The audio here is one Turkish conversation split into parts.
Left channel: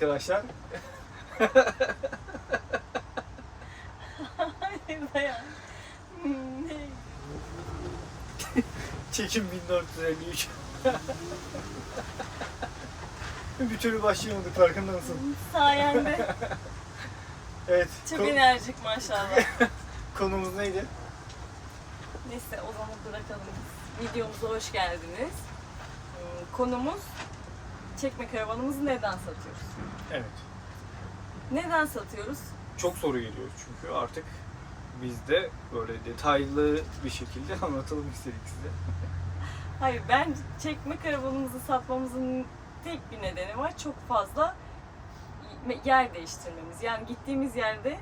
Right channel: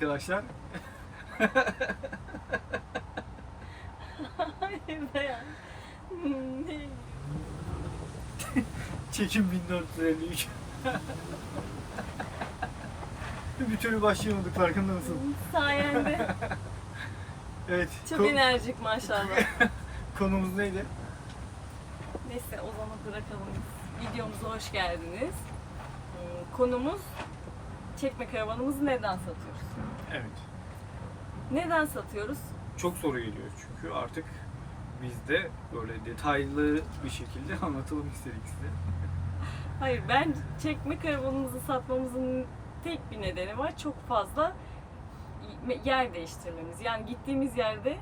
arkadaşlar. Çekim 1453. Bir türlü başlayamadık farkında mısın? Sayende. Evet. Çok ko- enerjik maşallah. konumuz neydi? Neyse o zaman bırakalım. Videomuza hoş geldiniz. Hmm, Konumuz çekme karavanımızı neden satıyoruz? Evet. Neden satıyoruz? Çok soru geliyor çünkü artık biz de böyle detaylı bir şekilde anlatalım istedik size. Hayır ben çekme karavanımızı satmamızın tek bir nedeni var. Çok fazla yer değiştirmemiz. Yani gittiğimiz yerde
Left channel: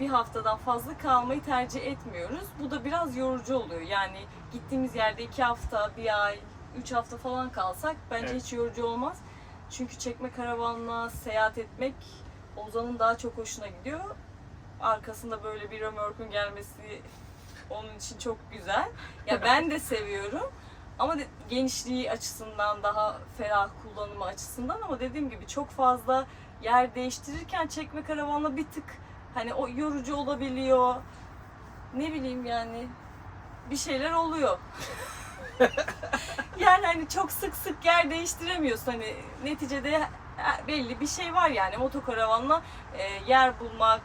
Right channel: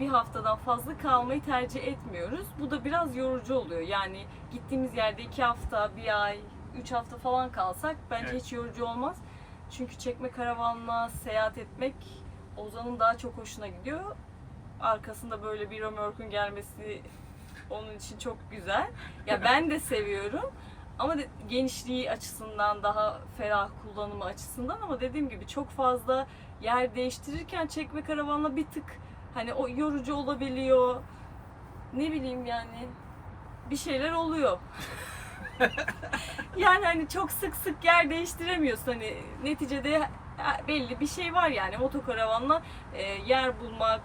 bir haftadan fazla kalmayı tercih etmiyoruz. Bu da biraz yorucu oluyor. Yani gittiğimiz yerde iki hafta, bir ay, üç hafta falan kalsak bence Evet. hiç yorucu olmaz. Çünkü çekme karavanla seyahat etmek Ozan'ın daha çok hoşuna gidiyor. Arkasında böyle bir römorkun gelmesi onun için çok güzel. Ya ben de seviyorum. Ama de- genişliği açısından daha ferah kullanımı açısından ama dediğim gibi çok fazla yer değiştirirken çekme karavanla bir tık hani o yorucu olabiliyor. Ne bileyim yani bir şeyler oluyor. yani hani çok sık sık yer değiştiremiyorsun hani neticede belli bir şey var yani motokaravanla e, yer bulmak,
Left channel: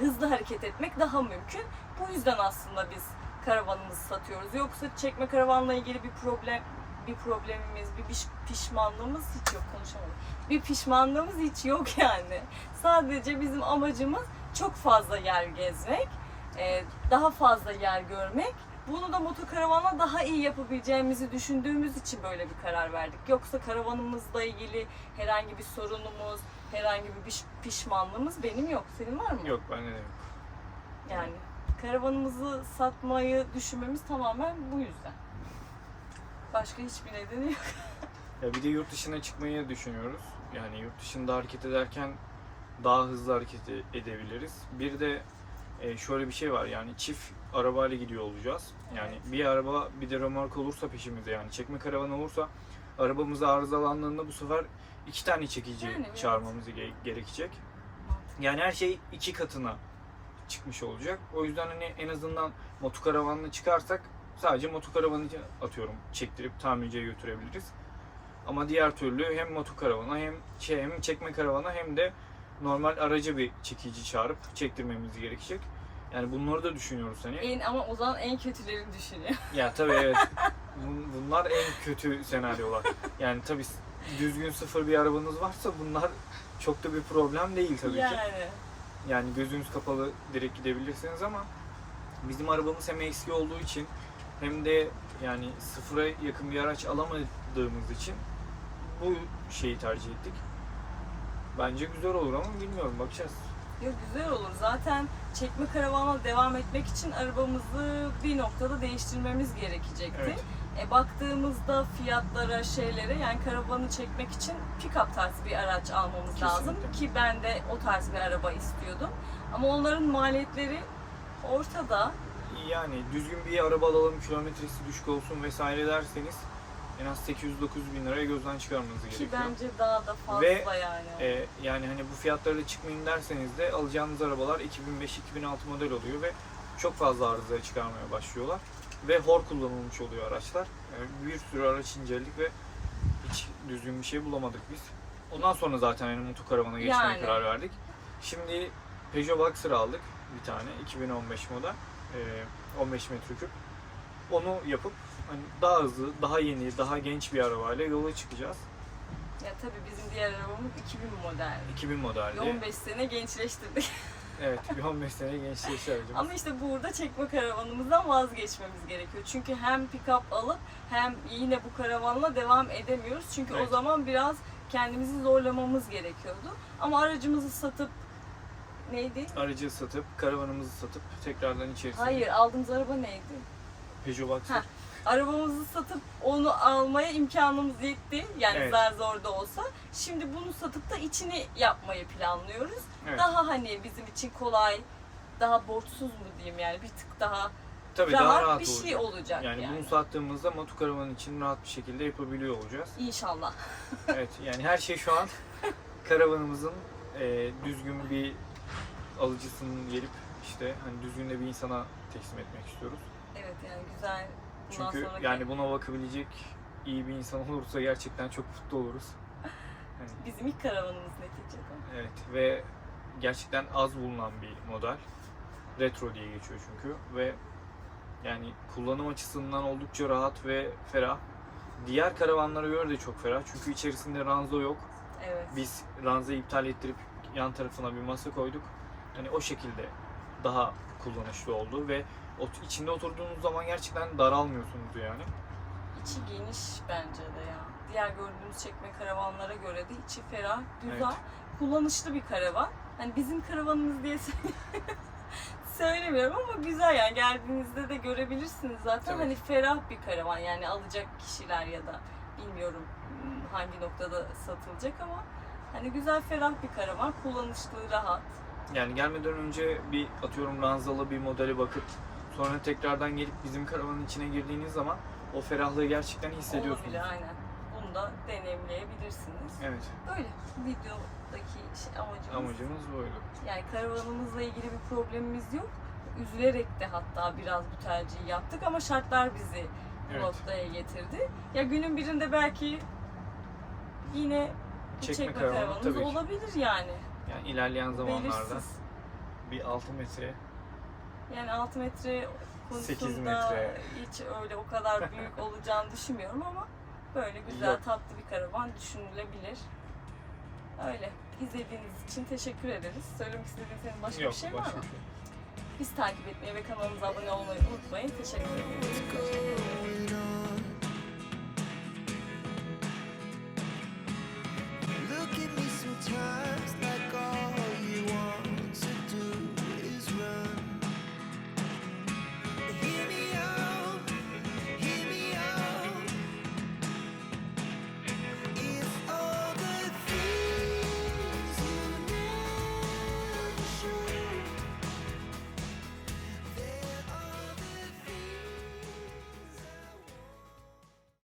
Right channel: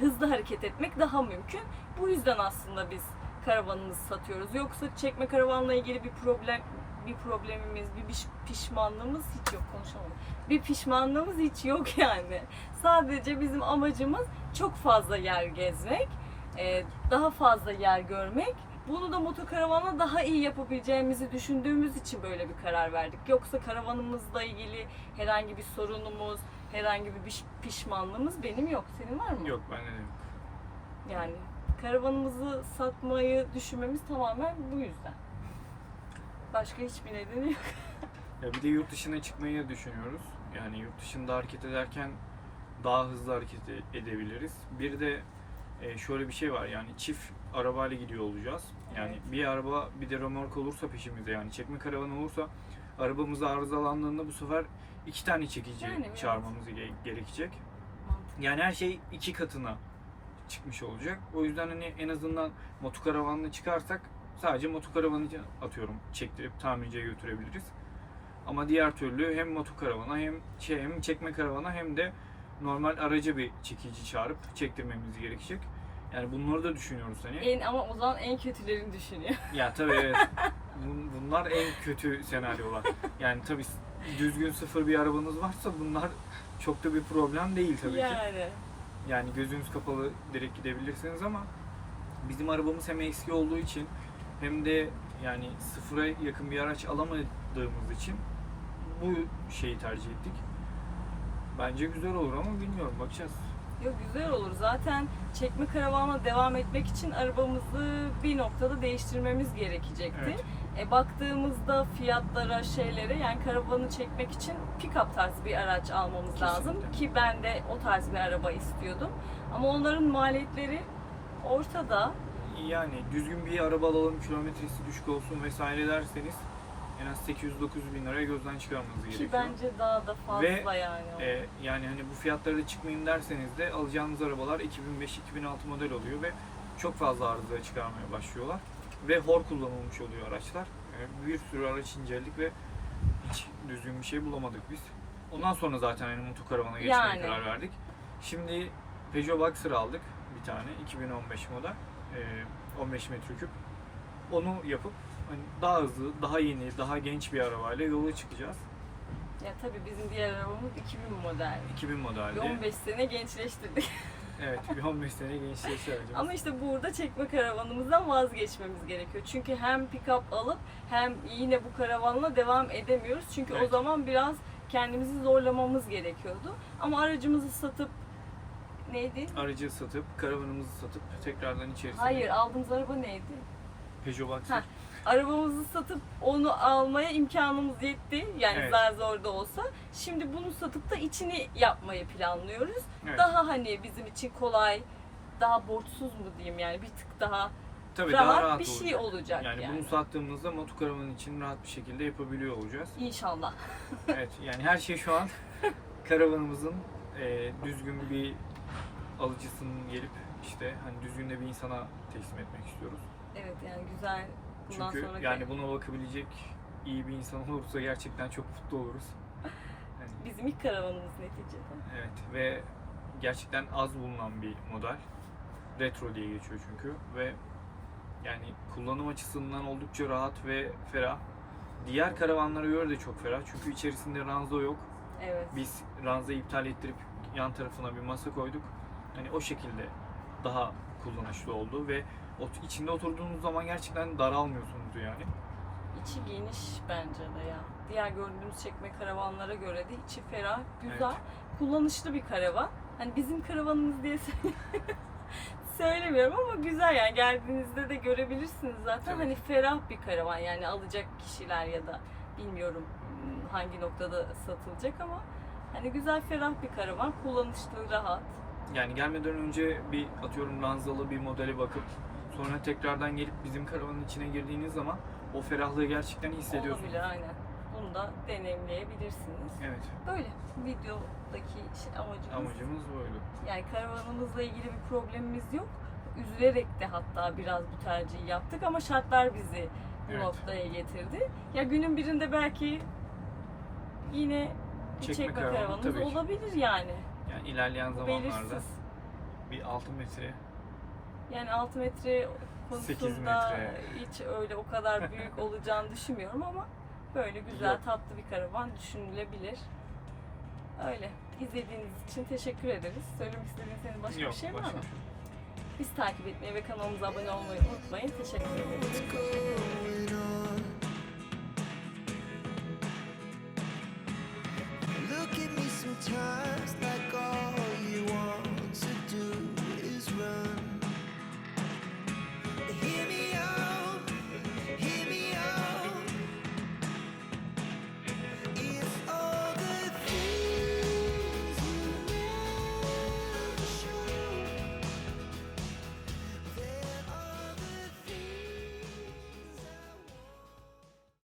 hızlı hareket etmek daha mümkün. Bu yüzden aslında biz karavanımızı satıyoruz. Yoksa çekme karavanla ilgili bir problem bir problemimiz, bir piş- pişmanlığımız hiç yok konuşamadım. Bir pişmanlığımız hiç yok yani. Sadece bizim amacımız çok fazla yer gezmek, e, daha fazla yer görmek. Bunu da motokaravanla daha iyi yapabileceğimizi düşündüğümüz için böyle bir karar verdik. Yoksa karavanımızla ilgili herhangi bir sorunumuz, herhangi bir piş- pişmanlığımız benim yok. Senin var mı? Yok bende de yok. Yani karavanımızı satmayı düşünmemiz tamamen bu yüzden. Başka hiçbir nedeni yok. Ya bir de yurt dışına çıkmayı düşünüyoruz. Yani yurt dışında hareket ederken daha hızlı hareket e- edebiliriz. Bir de e, şöyle bir şey var yani çift arabayla gidiyor olacağız. Yani Evet. bir araba bir de römork olursa peşimizde yani çekme karavan olursa arabamız arızalandığında bu sefer iki tane çekici Yani evet. çağırmamız ge- gerekecek. Yani her şey iki katına çıkmış olacak. O yüzden hani en azından motokaravanla çıkarsak sadece motokaravanı atıyorum çektirip tamirciye götürebiliriz. Ama diğer türlü hem motokaravana hem şey hem çekme karavana hem de normal aracı bir çekici çağırıp çektirmemiz gerekecek. Yani bunları da düşünüyoruz hani. En ama o zaman en kötülerini düşünüyor. Ya tabii evet. Bun- Bunlar en kötü senaryolar. Yani tabii düzgün sıfır bir arabanız varsa bunlar çok da bir problem değil tabii ki. yani. Yani gözünüz kapalı direkt gidebilirsiniz ama bizim arabamız hem eski olduğu için hem de yani sıfıra yakın bir araç alamadığımız için bu şeyi tercih ettik. Bence güzel olur ama bilmiyorum bakacağız. Yok güzel olur. Zaten çekme karavanla devam etmek için arabamızı bir noktada değiştirmemiz gerekecekti. Evet. E, baktığımızda fiyatlara, şeylere yani karavanı çekmek için pick-up tarzı bir araç almamız lazım. Kesinlikle. Ki ben de o tarz bir araba istiyordum. Ama onların maliyetleri ortada. Yani düzgün bir araba alalım, kilometresi düşük olsun vesaire derseniz en az 800-900 bin liraya gözden çıkarmanız Ki gerekiyor. bence daha da fazla Ve, yani. Ee, yani hani bu fiyatlara çıkmayayım derseniz de alacağınız arabalar 2005-2006 model oluyor ve çok fazla arıza çıkarmaya başlıyorlar. Ve hor kullanılmış oluyor araçlar. Yani bir sürü araç inceledik ve hiç düzgün bir şey bulamadık biz. Ondan sonra zaten hani motokaravana geçmeye Yani. karar verdik. Şimdi Peugeot Boxer aldık bir tane 2015 model. Ee, 15 metreküp. Onu yapıp daha hızlı, daha yeni, daha genç bir arabayla yola çıkacağız. Ya tabii bizim diğer arabamız 2000 model. 2000 modeldi. Ve 15 sene gençleştirdik. Evet, bir 15 sene gençleşti aracımız. Ama işte burada çekme karavanımızdan vazgeçmemiz gerekiyor. Çünkü hem pick-up alıp hem yine bu karavanla devam edemiyoruz. Çünkü o Evet. zaman biraz kendimizi zorlamamız gerekiyordu. Ama aracımızı satıp neydi? Aracı satıp, karavanımızı satıp tekrardan içerisine Hayır aldığımız araba neydi? Peugeot Boxer. Arabamızı satıp onu almaya imkanımız yetti. Yani Evet. zar zor da olsa. Şimdi bunu satıp da içini yapmayı planlıyoruz. Evet. Daha hani bizim için kolay, daha borçsuz mu diyeyim yani bir tık daha Tabii daha rahat, rahat bir şey olacak yani. Yani, bunu sattığımızda motokaravan için rahat bir şekilde yapabiliyor olacağız. İnşallah. evet yani her şey şu an karavanımızın e, düzgün bir alıcısının gelip işte hani düzgün de bir insana teslim etmek istiyoruz. Evet yani güzel. Bundan Çünkü sonraki yani buna bakabilecek iyi bir insan olursa gerçekten çok mutlu oluruz. Yani, bizim ilk karavanımız neticede. evet ve gerçekten az bulunan bir model. Retro diye geçiyor çünkü ve yani kullanım açısından oldukça rahat ve ferah. Diğer karavanlara göre de çok ferah çünkü içerisinde ranza yok. Evet. Biz ranzayı iptal ettirip yan tarafına bir masa koyduk. Hani o şekilde daha kullanışlı oldu ve ot- içinde oturduğunuz zaman gerçekten daralmıyorsunuz yani. İçi geniş bence de ya. Diğer gördüğümüz çekme karavanlara göre de içi ferah, güzel, kullanışlı bir karavan. Hani bizim karavanımız diye söyle- söylemiyorum ama güzel yani geldiğinizde de görebilirsiniz zaten. Tabii. Hani ferah bir karavan yani alacak kişiler ya da bilmiyorum hmm, hangi noktada satılacak ama hani güzel ferah bir karavan, kullanışlı, rahat. Yani gelmeden önce bir atıyorum ranzalı bir modele bakıp sonra tekrardan gelip bizim karavanın içine girdiğiniz zaman o ferahlığı gerçekten hissediyorsunuz. Olabilir aynen. Bunu da deneyimleyebilirsiniz. Evet. Böyle videodaki şey, amacımız Amacımız böyle. Yani karavanımızla ilgili bir problemimiz yok. Üzülerek de hatta biraz bu tercihi yaptık ama şartlar bizi bu Evet. noktaya getirdi. Ya günün birinde belki yine bir Çekme çekme, karavanı karavanımız olabilir yani. Yani ilerleyen zamanlarda Belirsiz. bir 6 metre yani 6 metre konusunda metre. hiç öyle o kadar büyük olacağını düşünmüyorum ama böyle güzel tatlı bir karavan düşünülebilir. Öyle. İzlediğiniz için teşekkür ederiz. Söylemek istediğiniz başka Yok, bir şey var mı? Biz takip etmeyi ve kanalımıza abone olmayı unutmayın. Teşekkür ederim. Look at me sometimes